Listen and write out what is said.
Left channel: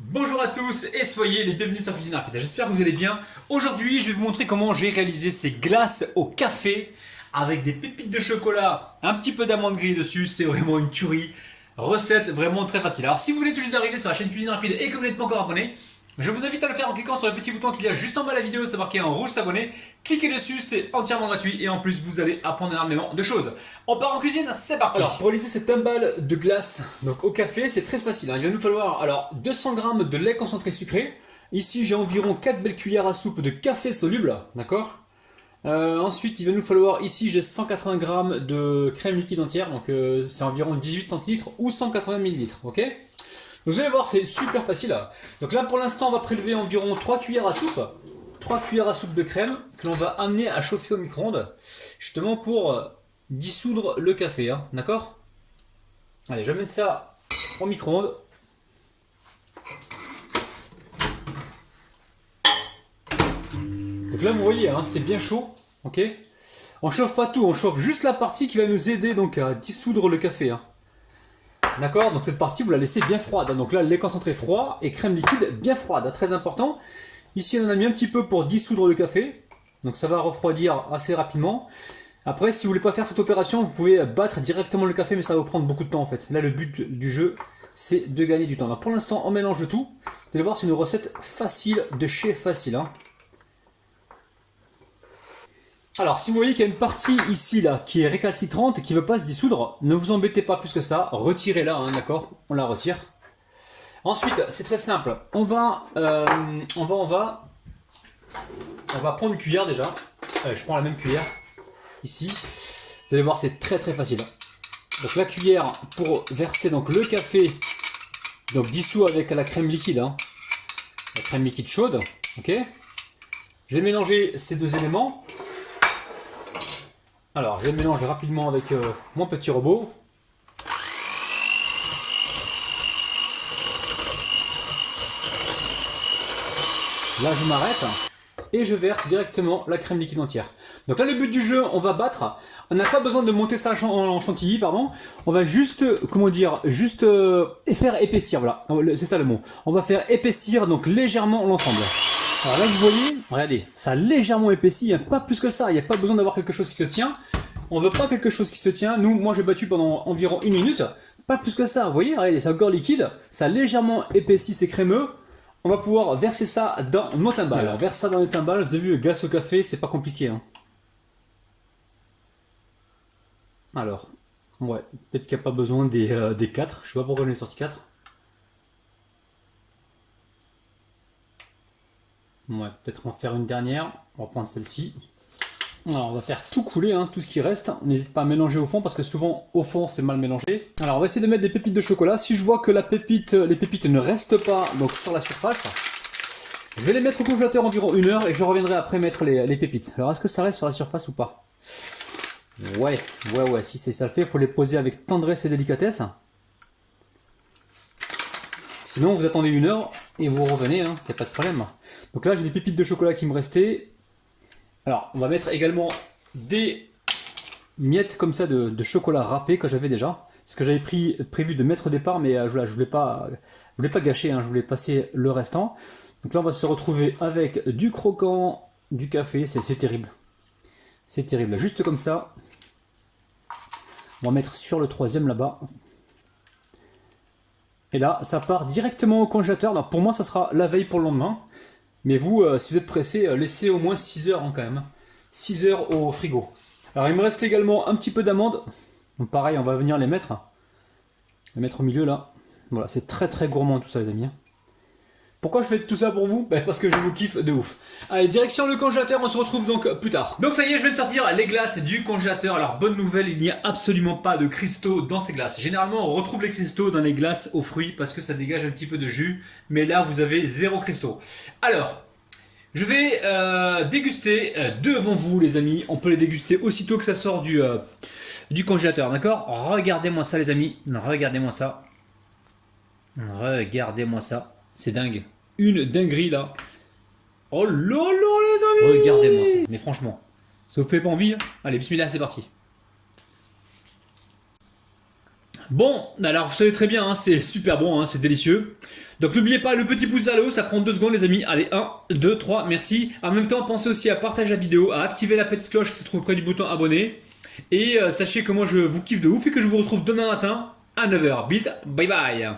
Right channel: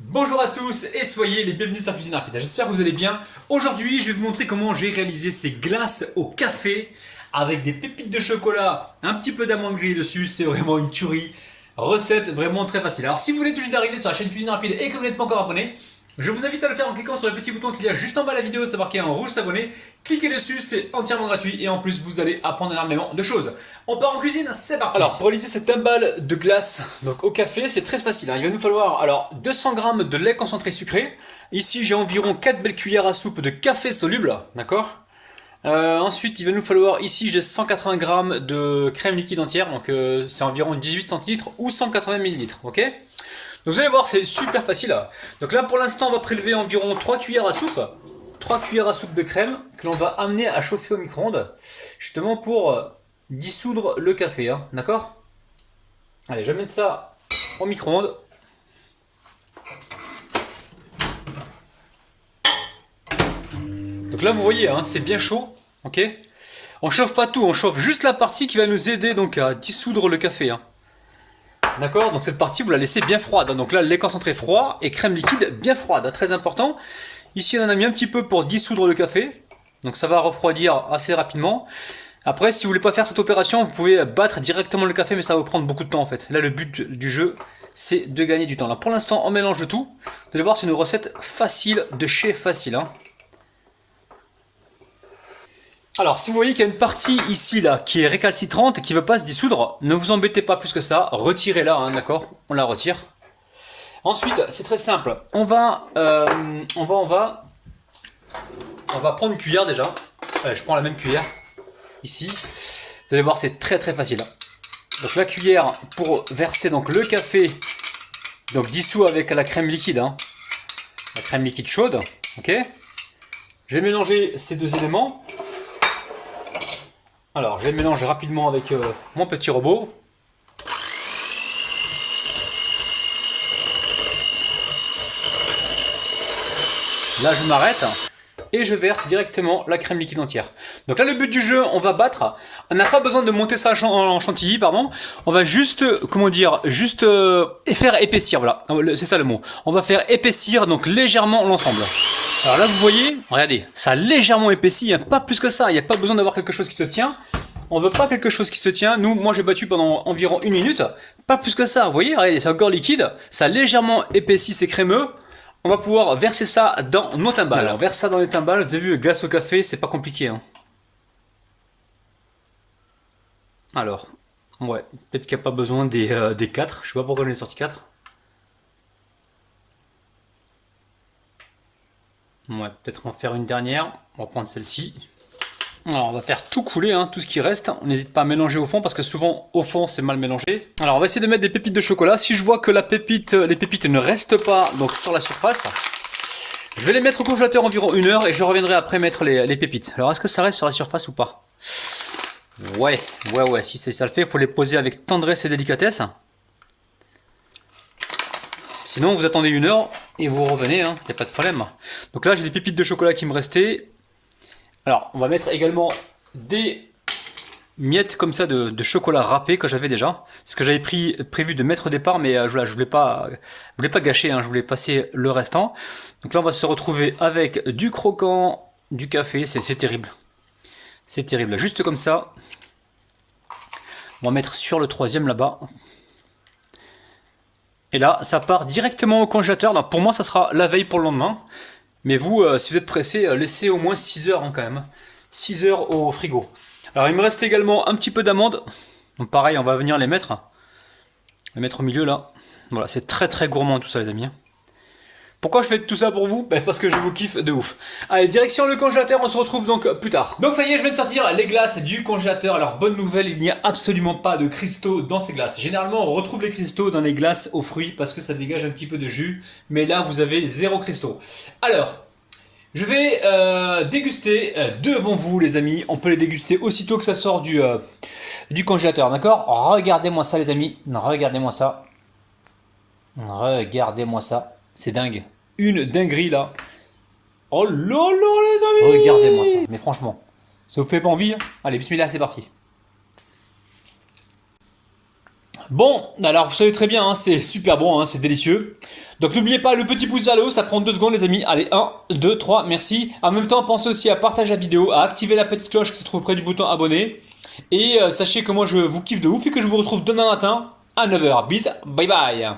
Bonjour à tous et soyez les bienvenus sur Cuisine Rapide. J'espère que vous allez bien. Aujourd'hui, je vais vous montrer comment j'ai réalisé ces glaces au café avec des pépites de chocolat, un petit peu d'amande grillée dessus. C'est vraiment une tuerie. Recette vraiment très facile. Alors, si vous voulez tout juste d'arriver sur la chaîne Cuisine Rapide et que vous n'êtes pas encore abonné, je vous invite à le faire en cliquant sur le petit bouton qu'il y a juste en bas de la vidéo, c'est marqué en rouge s'abonner. Cliquez dessus, c'est entièrement gratuit et en plus vous allez apprendre énormément de choses. On part en cuisine, c'est parti. Alors pour réaliser cette timbale de glace donc au café, c'est très facile. Il va nous falloir alors 200 g de lait concentré sucré. Ici j'ai environ 4 belles cuillères à soupe de café soluble, d'accord. Ensuite, il va nous falloir, ici j'ai 180 g de crème liquide entière, donc c'est environ 18 centilitres ou 180 millilitres, ok. Donc vous allez voir, c'est super facile. Donc là, pour l'instant, on va prélever environ 3 cuillères à soupe. 3 cuillères à soupe de crème que l'on va amener à chauffer au micro-ondes. Justement pour dissoudre le café. Hein, d'accord. Allez, je vais mettre ça au micro-ondes. Donc là, vous voyez, hein, c'est bien chaud. Ok. On chauffe pas tout, on chauffe juste la partie qui va nous aider donc à dissoudre le café. Hein. D'accord, donc cette partie vous la laissez bien froide. Donc là, lait concentré froid et crème liquide bien froide, très important. Ici, on en a mis un petit peu pour dissoudre le café. Donc ça va refroidir assez rapidement. Après, si vous voulez pas faire cette opération, vous pouvez battre directement le café, mais ça va vous prendre beaucoup de temps en fait. Là, le but du jeu, c'est de gagner du temps. Alors pour l'instant, on mélange le tout. Vous allez voir, c'est une recette facile de chez facile. Hein. Alors, si vous voyez qu'il y a une partie ici là qui est récalcitrante et qui ne veut pas se dissoudre, ne vous embêtez pas plus que ça. Retirez-la, hein, d'accord. On la retire. Ensuite, c'est très simple. On va prendre une cuillère déjà. Allez, je prends la même cuillère ici. Vous allez voir, c'est très très facile. Donc la cuillère pour verser donc le café, donc dissous avec la crème liquide, hein. La crème liquide chaude. Ok. Je vais mélanger ces deux éléments. Alors, je vais mélanger rapidement avec mon petit robot. Là, je m'arrête et je verse directement la crème liquide entière. Donc là, le but du jeu, on va battre. On n'a pas besoin de monter ça en chantilly, pardon. On va juste, comment dire, juste faire épaissir, voilà. C'est ça le mot. On va faire épaissir donc légèrement l'ensemble. Alors là, vous voyez, regardez, ça a légèrement épaissi, il n'y a pas plus que ça. Il n'y a pas besoin d'avoir quelque chose qui se tient. On veut pas quelque chose qui se tient. Moi, j'ai battu pendant environ 1 minute. Pas plus que ça. Vous voyez, regardez, c'est encore liquide. Ça a légèrement épaissi, c'est crémeux. On va pouvoir verser ça dans nos timbales. Alors, verse ça dans les timbales. Vous avez vu, glace au café, c'est pas compliqué. Hein. Alors, ouais, peut-être qu'il n'y a pas besoin des 4. Je sais pas pourquoi j'en ai sorti 4. Ouais, peut-être en faire une dernière. On va prendre celle-ci. Alors on va faire tout couler, hein, tout ce qui reste. On n'hésite pas à mélanger au fond parce que souvent au fond c'est mal mélangé. Alors on va essayer de mettre des pépites de chocolat. Si je vois que les pépites ne restent pas donc sur la surface, je vais les mettre au congélateur environ 1 heure et je reviendrai après mettre les pépites. Alors est-ce que ça reste sur la surface ou pas? Ouais, si ça le fait, il faut les poser avec tendresse et délicatesse. Sinon vous attendez 1 heure et vous revenez, hein, y a pas de problème. Donc là j'ai des pépites de chocolat qui me restaient. Alors, on va mettre également des miettes comme ça de chocolat râpé que j'avais déjà. Ce que j'avais prévu de mettre au départ, mais je voulais pas gâcher, hein, je voulais passer le restant. Donc là, on va se retrouver avec du croquant, du café, c'est terrible. C'est terrible, juste comme ça. On va mettre sur le troisième là-bas. Et là, ça part directement au congélateur. Donc pour moi, ça sera la veille pour le lendemain. Mais vous, si vous êtes pressé, laissez au moins 6 heures hein, quand même. 6 heures au frigo. Alors il me reste également un petit peu d'amandes. Donc pareil, on va venir les mettre. Les mettre au milieu là. Voilà, c'est très très gourmand tout ça les amis. Pourquoi je fais tout ça pour vous? Parce que je vous kiffe de ouf. Allez, direction le congélateur, on se retrouve donc plus tard. Donc ça y est, je viens de sortir les glaces du congélateur. Alors bonne nouvelle, il n'y a absolument pas de cristaux dans ces glaces. Généralement, on retrouve les cristaux dans les glaces aux fruits parce que ça dégage un petit peu de jus. Mais là, vous avez 0 cristaux. Alors, je vais déguster devant vous les amis. On peut les déguster aussitôt que ça sort du congélateur, d'accord? Regardez-moi ça les amis. Regardez-moi ça. Regardez-moi ça. C'est dingue. Une dinguerie là. Oh là là les amis. Regardez-moi ça. Mais franchement, ça vous fait pas envie? Allez, bismillah, c'est parti. Bon, alors vous savez très bien, hein, c'est super bon, hein, c'est délicieux. Donc n'oubliez pas le petit pouce vers le haut, ça prend 2 secondes les amis. Allez, 1, 2, 3, merci. En même temps, pensez aussi à partager la vidéo, à activer la petite cloche qui se trouve près du bouton abonner. Et sachez que moi je vous kiffe de ouf et que je vous retrouve demain matin à 9h. Bis, bye bye.